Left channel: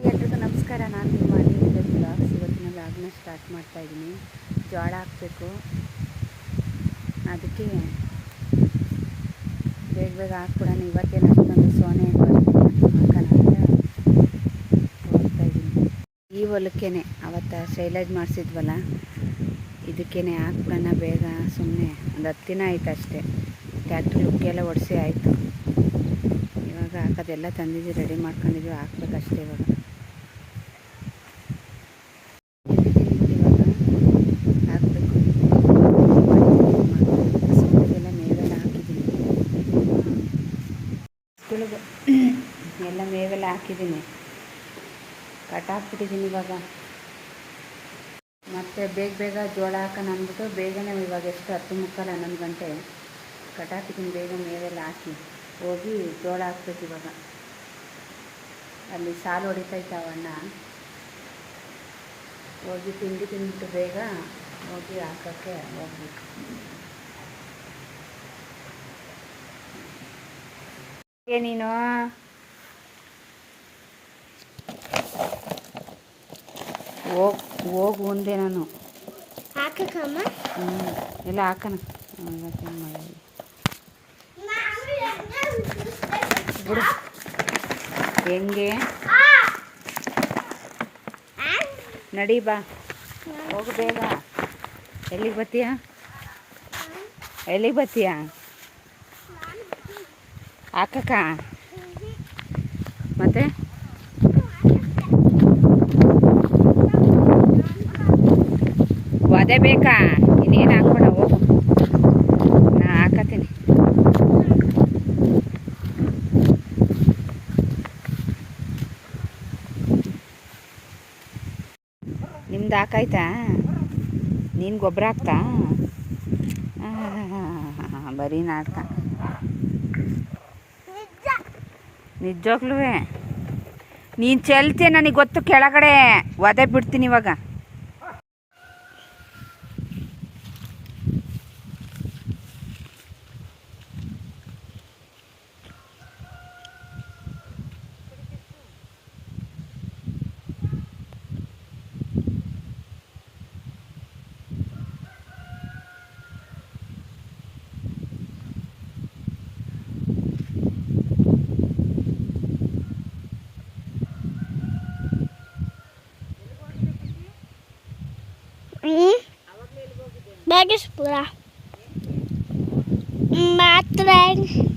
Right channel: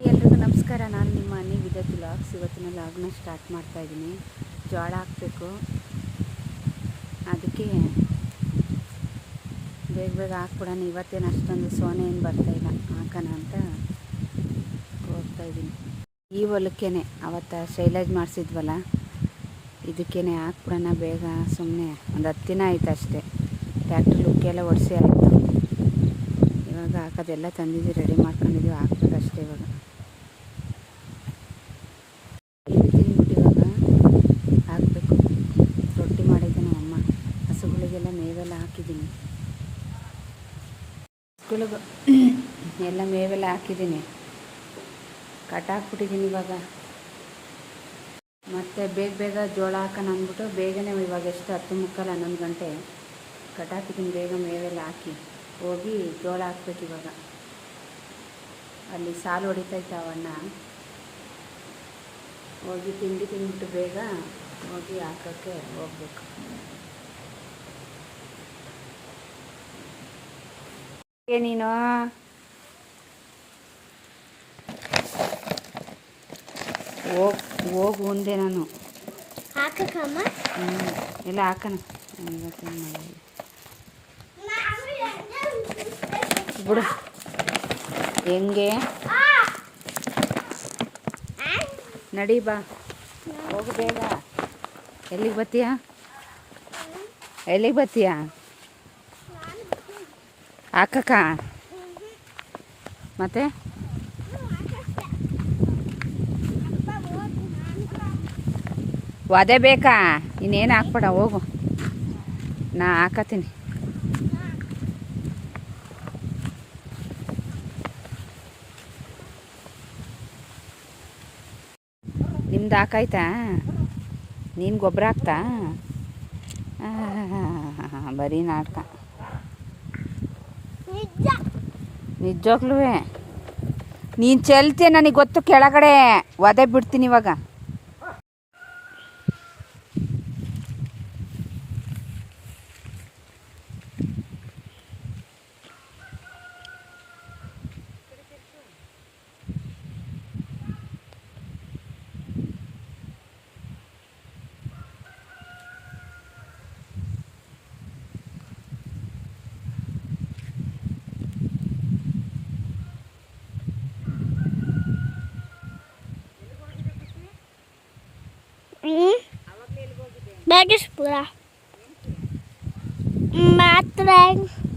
ಎಲ್ರಿಗೂ ನಮಸ್ಕಾರ. ನಾನು ನಿಮ್ಮ ನೀರಿದೆ ಬ್ಲಾಗ್ಸ್ ಇವತ್ತಿನ ಲಾಗ್ನ ಸ್ಟಾರ್ಟ್ ಮಾಡ್ತಾ ಇದ್ದೀನಿ ಜೋಳ ಹಾಕಬೇಕು. ಅದಕ್ಕೆ ಬೇಗ ಬೇಗ ಹಾಕ್ಬಿಡೋಣ. ಇವತ್ತೇನು ಅಷ್ಟೊಂದು ಸೋನೆ ಏನು ಬರ್ತಾಯಿಲ್ಲ ಹಾಕೋಣ ಅಂತ ಹೋಗ್ತಾ ಇದ್ದೀನಿ ಈ ಹೊಲಕ್ಕೇನೆ ಅವತ್ತು ಸೈಲೇಜ್ ಮಾಡಿಸಿದ್ವಲ್ಲ, ಇದಕ್ಕೇನೆ ಹಾಕ್ಬಿಡೋಣ ಬೇಗ. ಸುಮ್ಮನೆ ಒಂದು ಹತ್ತು ದಿನ ಆಯ್ತು ಅಷ್ಟೇ. ಟ್ಯಾಕ್ಟ್ರ್ ಲುಕ್ಕೆಲ್ಲ ಒಡಿಸಿ ಆಯಿತು. ಇವಾಗ ಹಾಕೋದೆಲ್ಲ ತಂದಿದ್ದೀವಿ ರೆಡಿ ಮಾಡ್ಕೊಂಡಿದ್ದೀವಿ. ಹಾಕ್ಬೇಕಷ್ಟೇ ಇವಾಗ ತಿಂಡಿ ತಿಂದ್ಬಿಟ್ಟು ಇವಾಗ ಹಾಕಬೇಕು ತಿಂಡಿ ಮಾಡಿದ್ದೀನಿ ಅಮ್ಮ ಹಸುಗಳಿಗೆಲ್ಲ ಮೇವೆಲ್ಲ ಹಾಕಿದ್ದೀನಿ ಹಸುಗಳಿಗೂ ಎಲ್ಲ ಮೇವೆಲ್ಲ ಹಾಕಿದ್ದೀನಿ. ಕಟಾಕ್ಬಿಟ್ಟಿದ್ದೀನಿ ಇವಾಗ. ಮತ್ತು ಬೇಗ ಬೇಗ ಜೋಳ ಹಾಕೋಣ ಅಂದ್ಬಿಟ್ಟು ಬೇಗನೆ ಇವಾಗ ಎಷ್ಟು ಹತ್ತು ಮುಕ್ಕಾಲು ಹನ್ನೊಂದು ಗಂಟೆ ಕಟಾಕಿದ್ದೀನಿ ಬೇಗ ಮೇವೆಲ್ಲ ಹಾಕಿ. ಹೋಗಿ ಜೋಳ ಹಾಕ್ಬೇಕು ಇವಾಗ. ಅಲ್ಲಿ ಸಾಲು ಹೊಡಿತೈತೆ ಹೋಗಿ ತಿಂಡಿ ತಿಂದ್ಬಿಟ್ಟು ಬೇಗ ಹೋಗಿ ಹಾಕೋಕ್ಕೆ ಹೋಗ್ಬೇಕು. ಏ ಹೋಗ್ ಹೋಗು ಮುಂದೆ ನಾನು. ಹಾಕಕ್ಕಮ್ಮ? ಹ್ಞೂ ಎಲ್ಲ ಹಾಕೋಣ. ಇವತ್ತೇನು ಮಾಡೋದು ಬಿಡು. ಹೆಂಗೆ? ನಡಿ ಬಾ. ಹೋಗು ಬೇಗ. ಎಲ್ಲಿಗೆ ಬತ್ತೀಯ? ಎಲ್ಲಿಗೆ ಬತ್ತೀಯ? ಹಾಕಕ್ಕ. ಮತ್ತೆ? ಅದೇ ಬೇಕಾ? ಇನ್ನೇನು ಹಾಕ್ಬೇಡ ಹೋಗು. ನಾ ಹಾಕತ್ತೀನಿ. ನಿಮ್ದು ಹಾಕಾಯ್ತಾ? ನೀನು ಗೊಬ್ಬರ ಹಾಕ್ತಾ? ಬರೀ ನಾಟಕ. ನಿಜ. ನಿಜವಾಗ್ಲೂ ನೀನು ಚೆಲ್ತೀಯ ನನಗೆ ಗೊತ್ತು? ಕೆಳಗಡೆ ಒದೆ ಬಿಡ್ತೀನಿ ಇವಾಗ. Bergesbura. Matren.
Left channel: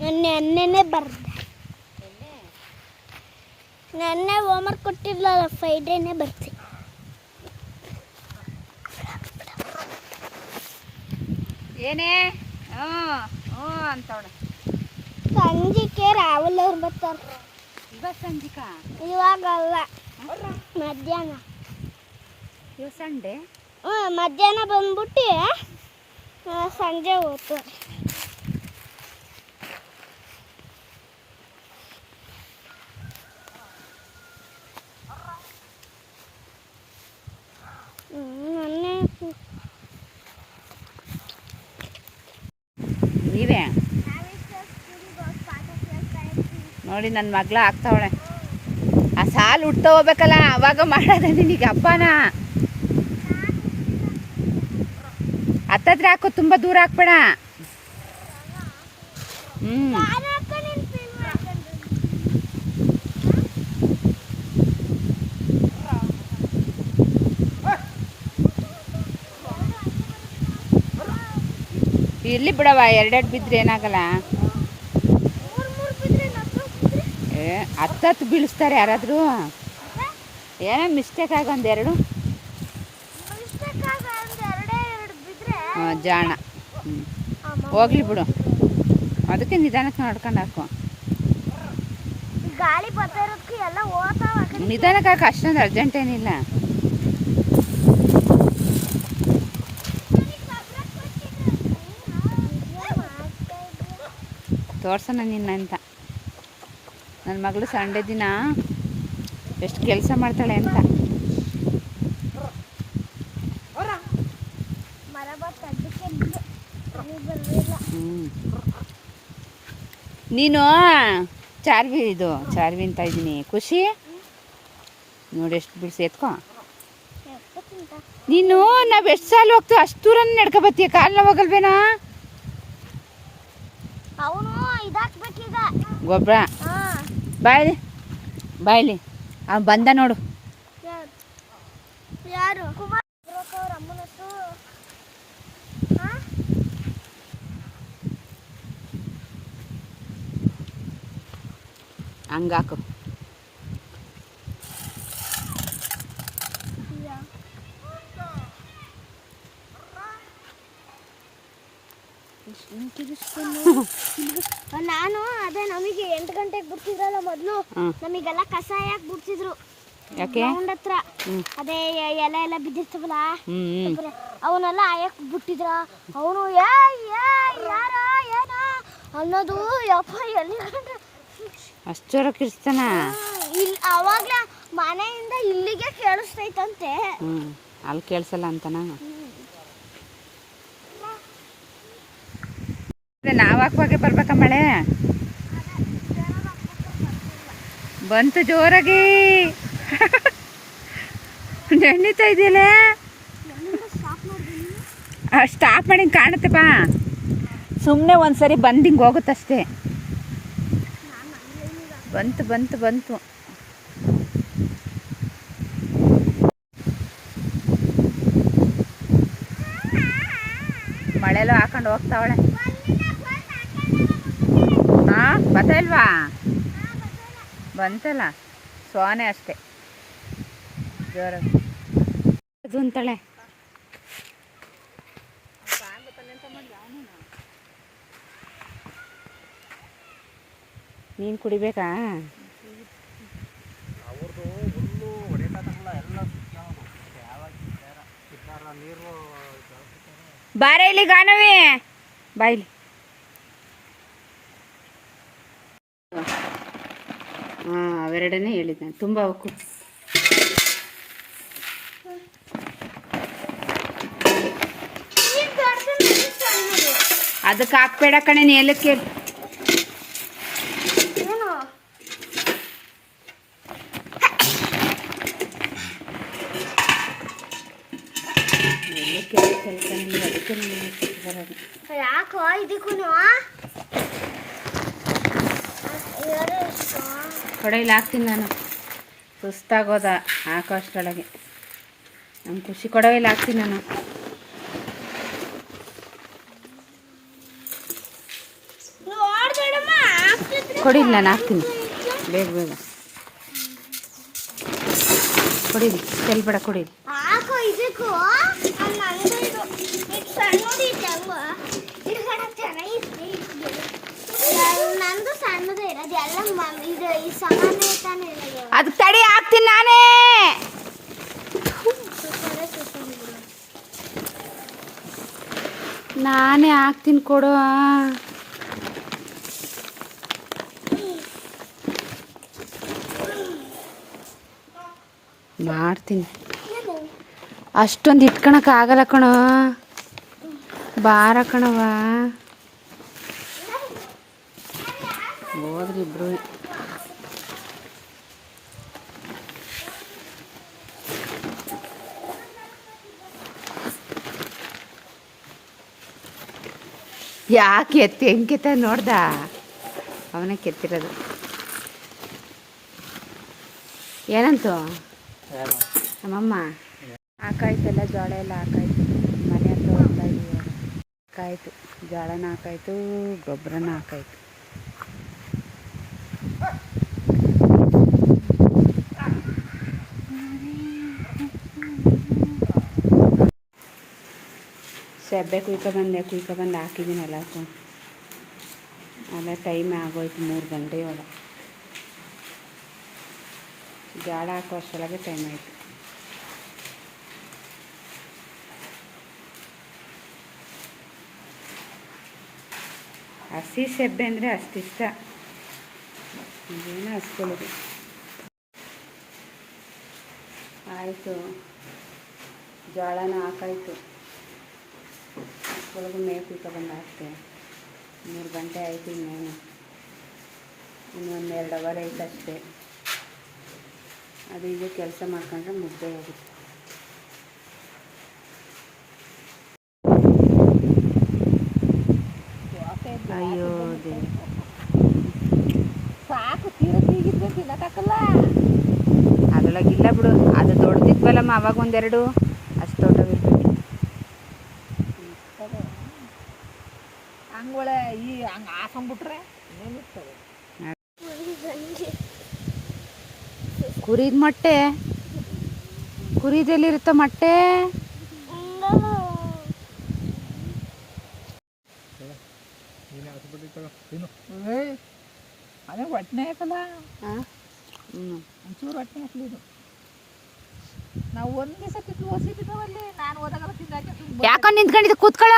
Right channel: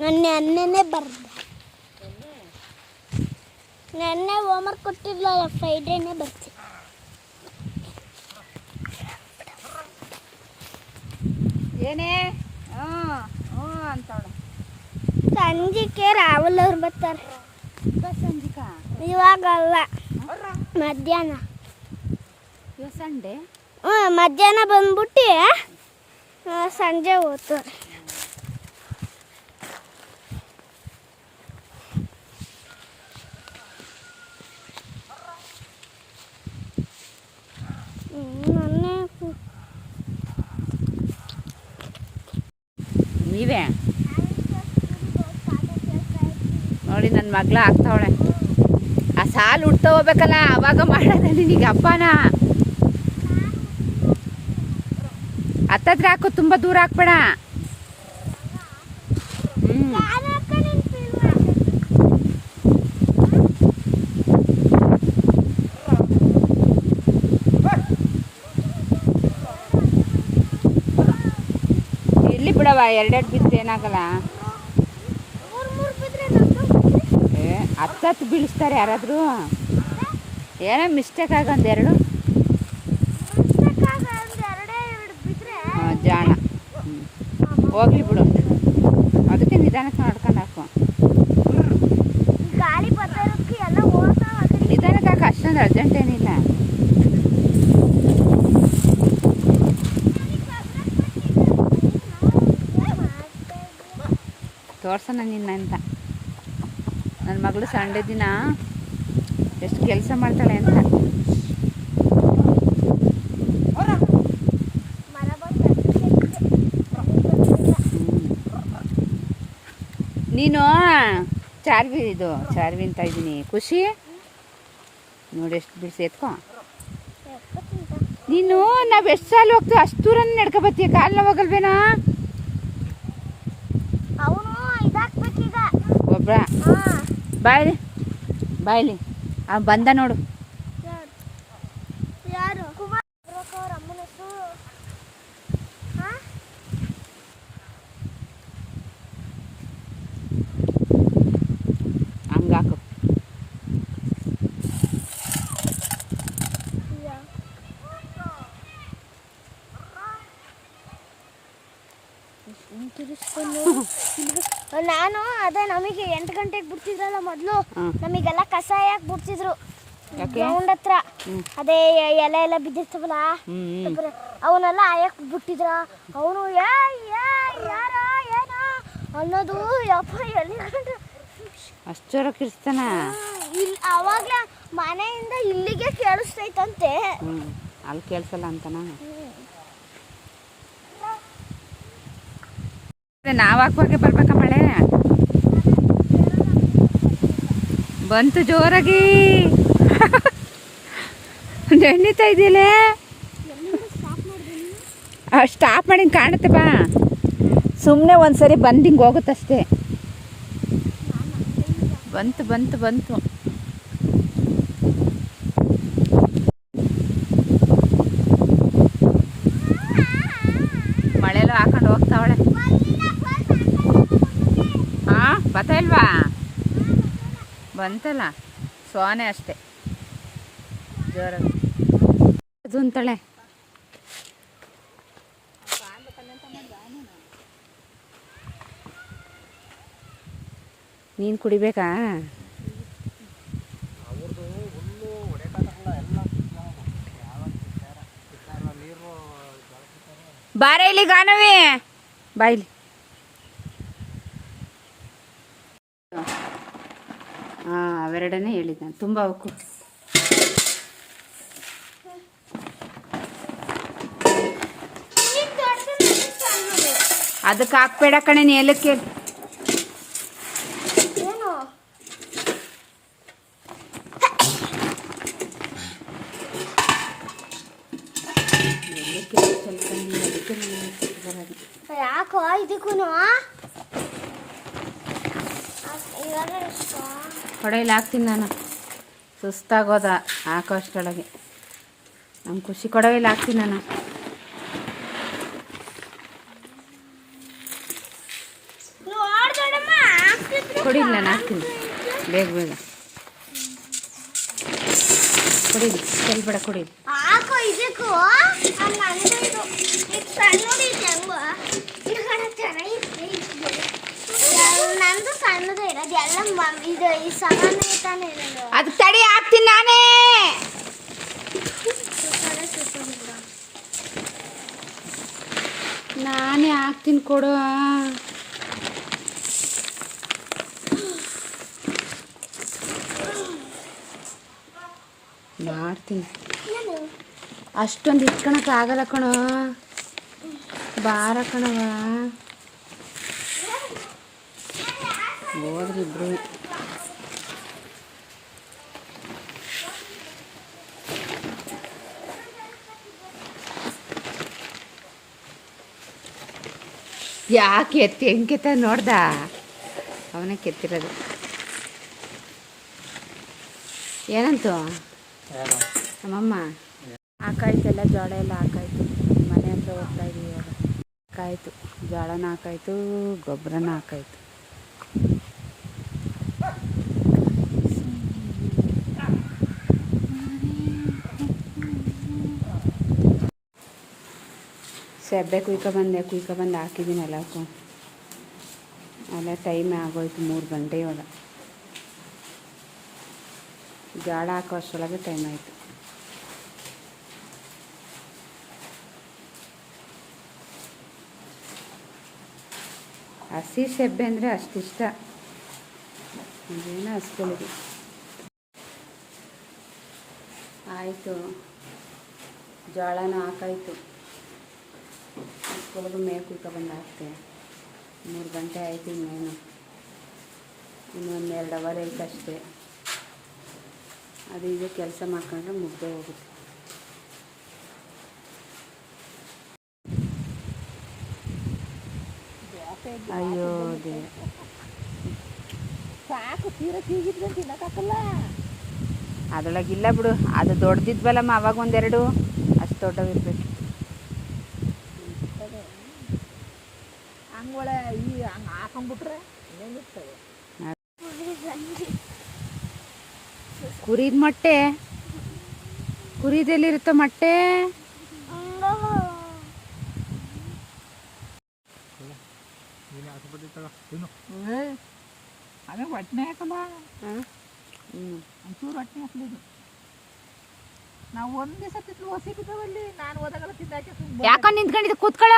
ಮೊನ್ನೆ ಅನ್ನೆನೆ ಬರ್ದೆ. ನೆನ್ನೆ ಹೋಮ್ವರ್ಕ್ ಕೊಟ್ಟಿರ್ಲಲ್ಲ ಫ್ರೈಡೇನೆ ಬರ್ತೀನಿ ಏನೇ? ಹ್ಞೂ ಹ್ಞೂ ಅಂತವಳ. ಸಂಜಿಕೆ ರಾಹುಲ್ ಅವ್ರು ಬರ್ತಾರೆ. ಬಸ್ ಸಂಜಿಕಾ? ಇವಾಗಲ್ಲ ಮಧ್ಯಾಹ್ನ. ಸಂಡೆ? ಹ್ಞೂ ಮಧ್ಯಾಹ್ನ ಬಂದ್ಬಿಟ್ಟು ಸಂಜೆ ಹೋಗ್ತಾರೆ ನನ್ನೇ ನೀವೇ ನೋಡಿ ನನ್ನ ಮಗ್ಳ ಆಗ್ತಾವಳೆ. ಆ ಸಾಲು ಹುಡ್ತಾ ಹೋಗ್ಬೇಕಲ್ಲ, ಅವಾಗ ಮಾಡೋದ ನಿನಗೆ ಹಬ್ಬನ ಹತ್ತತ್ರ ಹಾಕು, ತುಂಬ ದೂರ ಹಾಕ್ಬೇಡ. ಹ್ಞೂ ಬಿಡವ ಎರಡೆರಡು ಬಿದ್ದರೆ ಏನಾಗಲ್ಲ. ಮೂರು ಮೂರು ಬಿದ್ರೆ ಮತ್ತೆ ಏ ಹತ್ತತ್ತು ಬೀಳಿಸ್ತಾರೆ ಯಾರಾದರೂ? ಏನೋ ಮಿಸ್ಟೇಕ್ ಆಗ ಒಂದೆರಡು ಮಿಸ್ಟೇಕ್ ಆಗ ಒಂದ್ ಎರಡೇ. ಎರಡು ಬಿದ್ರೆ ಹಾಂ ಜಾಣ. ಹ್ಞೂ. ಹೋಗ್ಲಿ ಬಿಡು. ಅದಕ್ಕೆ ನಿಧಾನಕ್ಕೆ ನೋಡ್ಕೊಂಡು ಹಾಕು. ನಿಧಾನಕ್ಕೆ ಹಾಕು ಅಷ್ಟೊಂದು ಅರ್ಜೆಂಟ್ ಏನಿಲ್ಲ ಏನ್ ಮಾಡ್ತಾ ಇದ್ಯಾ? ತೋರ್ಸೋಣ ನಿನ್ನ ಅಂತ. ನನ್ನ ಮಗಳು ಸಂಡೇ ದಿನ ಎಷ್ಟು ಕೆಲಸ ಮಾಡ್ತಾಳೆ ಅಂತ. ನೀನು ಚಾರ್ವಿ ಇದು, ಚಾರ್ವಿ ಅಂತ ಇದ್ದೀನಿ ಖುಷಿ? ನೋಡಿ ಎಷ್ಟು ಬಿಡಿಸಿ ಎತ್ಕೊ. ನೀನು ನಾವು ಎಷ್ಟು ಸಾಲ ಹೋಗ್ತೀವಿ ಅಷ್ಟು ದೂರ ನಡ್ಕೊ ಬರ್ತೀಯ. ಕಾಲು ನೋವಾಗಲ್ವೇನಾ ಅವನು ಹಾ ಬಾಯ್ಲಿ ಬಾಯ್ಲಿ. ಆ ಬಂದ ನೋಡು. ನಾನು ಅದೇ ನಮಗೆ ಎಂಟು ಗಂಟೆಗೆ ಬಿಡ್ತಿದ್ರಲ್ಲ ಮೊದಲು ನಮಗೆಲ್ಲ ಕಸ ಯಾಕೆ ಬಿಡ್ತಿದ್ರು. ಗ್ರೌಂಡ್ ಹತ್ರ. ಅದೇ ಎಲೆ ಎಲ್ಲ ಬಿದ್ದಿರ್ತವಲ್ಲ. ಅವನ್ನೆಲ್ಲ ಆಯಕ್ ಬಿಟ್ಟಿದ್ರ ಅವನು ಅನ್ನೋದು ಯಪ್ಪ ಎಲ್ಲಿ ಅಷ್ಟರ ಕಿರ್ಸ್ತಾನ ಇಲ್ಲಿ ಅವಾಗ್ಲೇ ಮನೆಯಿಂದ ಇಲ್ಲಿಗೆ ಕೇಳಿಸ್ತೈತಂತೆ. ಅಲ್ಲಿ ಕೇಳಿಸಲ್ಲ ಅಂತನ? ನಾವು ಹಾಕುವಾಗೆ ಬರ್ಬೇಕ ಮಳೆ? ಬಂತು ಜೋರಾಗಿ. ನೆನೀತಾ ಇದೆಯಲ್ಲ ಸ್ಟಾಪ್ ಮಾಡಿ ಕಾಣುತ್ತೆ ಬಾ. ಸುಮ್ಮನೆ ಒಂದ್ಸರಿ ಬಂದು ಹಿಂಗೆ ಹೋಗುತ್ತಷ್ಟೇ. ಬಂತು ಬಂತು ಬಂತು. ಮಳೆಲ್ಲೂ ಹಾಕೊಂಡು ಹೋಗ್ತಾವಳೆ. ಹಾ ಬತ್ತಾ ಇಲ್ವಾ ಬಂತಲ್ಲ ಸೋನೆ ಅಷ್ಟೇ. ಜೋರಾಗಿ ಅದೊಂತಳೆ. ನೀನ್ ನೀನು ಕುಡಿಬೇಕಾ ಬಾರ ಇಲ್ಲಿ ಗಾನವಿ. ಬಾಯ್ಲಿ ಅವೆರಡನೇ ಹೇಳಿದ್ದೆ ನಾನು ತುಂಬ ಅವಕ್ಕೂ ಅದಕ್ಕೆ ಹಾಕ್ಬೇಡ ಕಣೆ ನೀ ಎಲ್ಲಕ್ಕೆ ಏನು ಅದಕ್ಕೆ ಬರೋದು ಯಾಕೋ ಇದಕ್ಕೂ ಎಷ್ಟು ಕೊಡೆಯಲ್ಲಿ ಹಾಕ್ತೀನಿ ನಾನು. ಸುಸ್ತಾಗೋದ ಹಾಕೋ ನಮ್ಮ ಖುಷಿ ಕೊಡವೆಯಲ್ಲಿ ಹಾಕ್ತೀನಿ ನಾನು. ಕೊಡಿಲಿ ನಾನು ಹಾಕ್ತೀನಿ. ಬೇಗ ಬೇಗ. ಕೊಡಿಲಿ ಚೆಲ್ಬೇಡ ಕೊಡಿ ಹಾಕೋ ಇದಕ್ಕೂ ನಂದು ಇದು ಇದು ಸಣ್ಣದು ಇದೆ ಹಂಗು ಇದು ಕಣ ಚೆನ್ನಾಗಿದೆ ನಂದು ಸಣ್ಣದು ಇರೋದು, ಎಲ್ಲ ಇದು ಈ ಸಮಾನ ತಾನೇ ಇರೋದು. ಅದು ತಡಿ, ಹಾಕ್ತೀನಿ ನಾನೇ. ನಾನೇ ಹಾಕ್ತೀನಿ ಕೊಡು ಮಾಡ್ತೀನಿ. ಅಷ್ಟೊಂದು ಇಟ್ಕೊಳಕ್ ಆಗಲ್ಲ ಕಣೋ. ಬಾರ ಕಣವ ಹೋದ್ರಿ ಇಬ್ರು ಯಾಕೆ ಎತ್ತಿ ಹೆಂಗೆ ನೋಡ್ದ? ಅವನೇ ಕೆತ್ತಿರೋದು. ಏನಂತು? ನಮ್ಮಮ್ಮ. ಹಾಕಾಯ್ತೆಲ್ಲ ಜೋಳ ಎಲ್ಲ ಹಾಕಾಯ್ತು. ಮನೆ ಹತ್ರ ಹೋಗ್ತಾ ಇದ್ದೀವಿ ಇವಾಗ. ಹಾಕಾಯ್ತು. ಜೋಳನ ಹಾಕಾಯ್ತು ಗೊಬ್ಬರನ ಹಾಕಾಯ್ತು. ಸೆಬ್ಬೆ ಕುಯ್ಕೊಬಂದೆ ಕುಯ್ಕೊಬಂದು ಹಾಕಿದ್ದೀನಿ ಎಲ್ಲಕ್ಕೂ ಅಲ್ಲ ಟೈಮ್ ಆಗೋಯ್ತು, ಮೂರು ಗಂಟೆ ಇವಾಗ ಜೋಳ ಹಾಕೋ ಅಷ್ಟರೊಳಗೆ ಟೈಮ್ ಆಯಿತು. ಹಸಿ ಸೆಬ್ಬೆ ಅಂದರೆ ಅಷ್ಟಿಷ್ಟ ಇದೇನೋ ಹಸ್ಕೊಳ್ಳಿ ಆಯಿತು. ಜೋಳನ ಹಾಕಾಯ್ತು. ಹಸ್ಕೊಳಗು ಮೇವು ಕುಯ್ಕೊಬಂದು ಹಾಕ್ತೆ ಮೂರು ಗಂಟೆ ಆಯ್ತು ಇನ್ನೇನು. ಇನ್ನೊಂದು ಎರಡು ಅವರ್ ಐತೆ ಅಷ್ಟೇ ಅದು ಈಗ ಕೆಲಸ ಮಾಡ್ಕೊಂಡ್ರೆ ಮುಗ್ದೆ ಹೋಗುತ್ತೆ. ಅಯ್ಯೋ ದೇ ಸಾಕು ತೀರ ತೀಗಿದ್ರೆ ತಿನ್ನಕ್ಕಾಗಲ್ಲ ಅದ್ರೊಳಗಿಲ್ಲ ಬಿಡು. ಅದು ದೊಡ್ಡದಿದ್ವಲ್ಲಮ್ಮ ಅವಾಗ ಒಂದೆರಡು. ಅಷ್ಟು ದೊಡ್ಡವಿರ್ಬೇಕು ಹಂಗೊಳೆ ಈ ಹಂಗೆ ಹಾಕೊಂಡ್ಬಿಟ್ರೆ ಏನಿರ್ತದೆ ಕುರಿದ ಮೊಟ್ಟೆ. ಕುರಿದೆಲ್ಲಿರುತ್ತ ಮೊಟ್ಟೆ? ಅದೇ ಹೊಟ್ಟೆ ಹಾಕಲ್ಲ ಒಂಚೂರು ನಾವು ಒಂದು ದಿವಸ ನಾನು ಓದಾಗ ತಿಂದಾಕೆ ಯಾಕೋ ನಿಂತ್ಕೊಂಡಿದ್ದು ಕೂತ್ಕೊಳ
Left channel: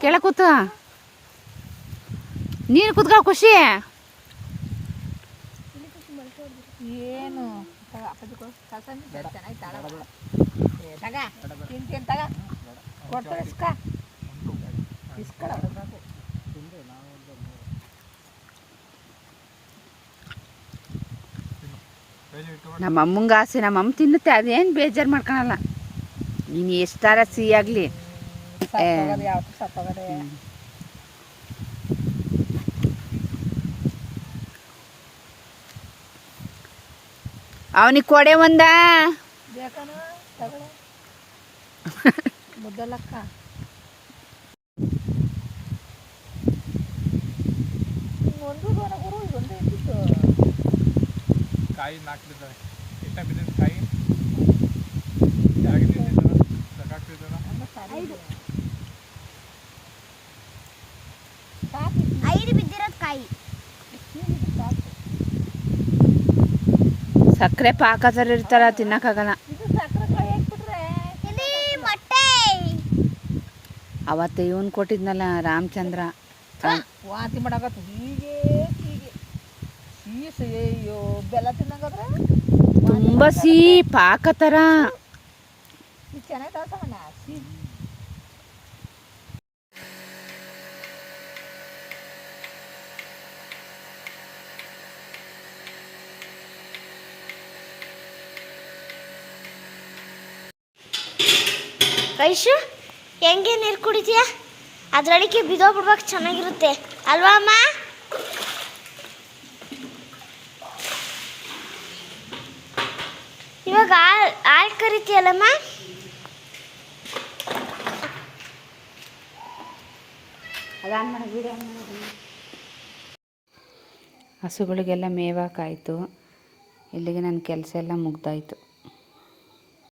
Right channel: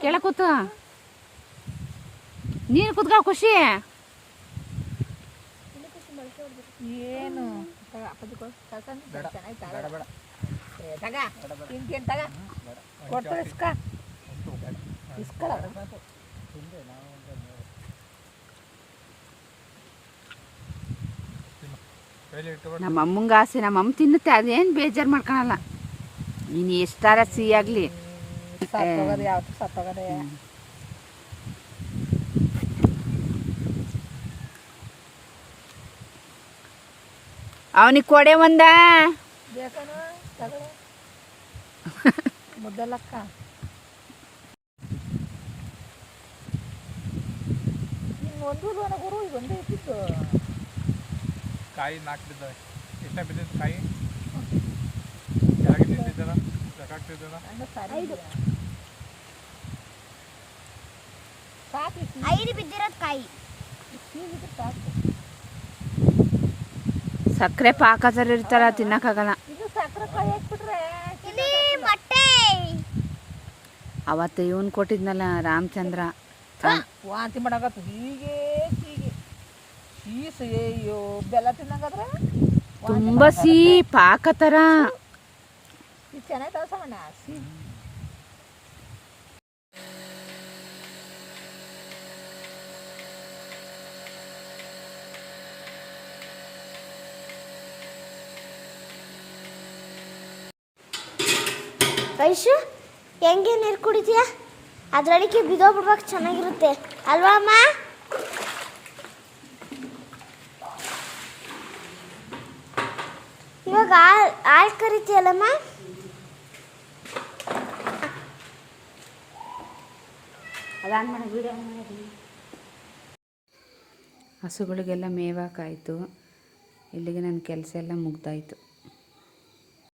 ಕೆಳ ಕೂತ. ನೀನು ಕೂತ್ಕೊಳ್ಳ ಖುಷಿ. ಏನು? ತಗ ಅಪ್ಪಾಜಿ ಚೆನ್ನಾಗಿ ತಾಳ ಬೇಡ. ತಗ. ತಿಂತೀನಿ ತಗ? ಕೊಡ್ತಾರೆ ಇಸ್ಕ. ಇಸ್ಕಳ ನಮ್ಮ ಅಮ್ಮಂಗೆ ಆಸೆ ನಮ್ಮ ಅಮ್ಮ ತಿನ್ನುತ್ತೆ ಅದೇನು ಬೇಜಾರು ಮಾಡ್ಕೊಳಲ್ಲ. ನೀನು ಎಷ್ಟಾರ ಸಿಹಿ ಆಗಲಿ. ಅವನಿಗೆ ಕೊಡೆ ಒಂದ. ಮುದ್ದಲಕ್ಕ. ಒಂದು ಗುರು ಒಂದೇ ಇದ್ದಿತ್ತು. ಕಾಯಿ ನಾಲ್ಕು ಬಿದ್ದಾವೆ. ಎಷ್ಟ ಬಿದ್ದಿದ್ದು ಕಾಯಿ? ಕೆಳಗೆ ನಿಂತಿದ್ದಲ್ಲ ಸಾಕಾಗ್ತಿದ್ದಲ್ಲ ಐದು. ಬಿದ್ದಿರೋದು ಕಾಯಿ. ಸಾಕು ಸಕ್ಕರೆ ಪಾಕ ಥರ ಇರ್ತಾರ ತಿನ್ನಕ್ಕಾಗಲ್ಲ ಇದು ಸಕ್ಕರೆ ಕಾಯಿ ಹಾಕ್ಬಿಟ್ರೆ ಇಲ್ಲಿ ಮೊಟ್ಟೆ. ಅವತ್ತು ಇವನ್ ಕೊಟ್ಟಿದ್ನಲ್ಲ ರಾಮಚಂದ್ರ. ರಾಮ್- ವಾಂತಿ ಮಾಡಕತ್ತ. ಹೀಗೆ ಹೀಗೆ. ಸೀಸು ಅಯ್ಯೋ ಬೆಲ್ಲ ತಿನ್ನಂಗಾದ್ರೆ ತುಂಬ ಸಿಹಿ ಪಾಕ ಥರ ಇದು ಚೆನ್ನಾಗಿ ಐಶು, ಹೆಂಗೆ ನೀರು ಕುಡಿತೀಯ? ಅದರೊಳಗೆ ಬಿದ್ದೋಗ್ಬಿಡ್ಬೇಕು ಚೆನ್ನಾಗಿರುತ್ತೆ. ಅಲ್ವಾ ಅಮ್ಮ? ಇವಾಗ ಹಾಲು ಹಾಲು ಕರಿತೀಯಲ್ಲಮ್ಮ ಹಸುಗಳಿಗೆಲ್ಲ ಮೇವಾಕಾಯಿತು. ಇಲ್ಲಿಗೆ ನನ್ನ ಕೆಲಸ ಎಲ್ಲ ಮುಗ್ದಾಯಿತು.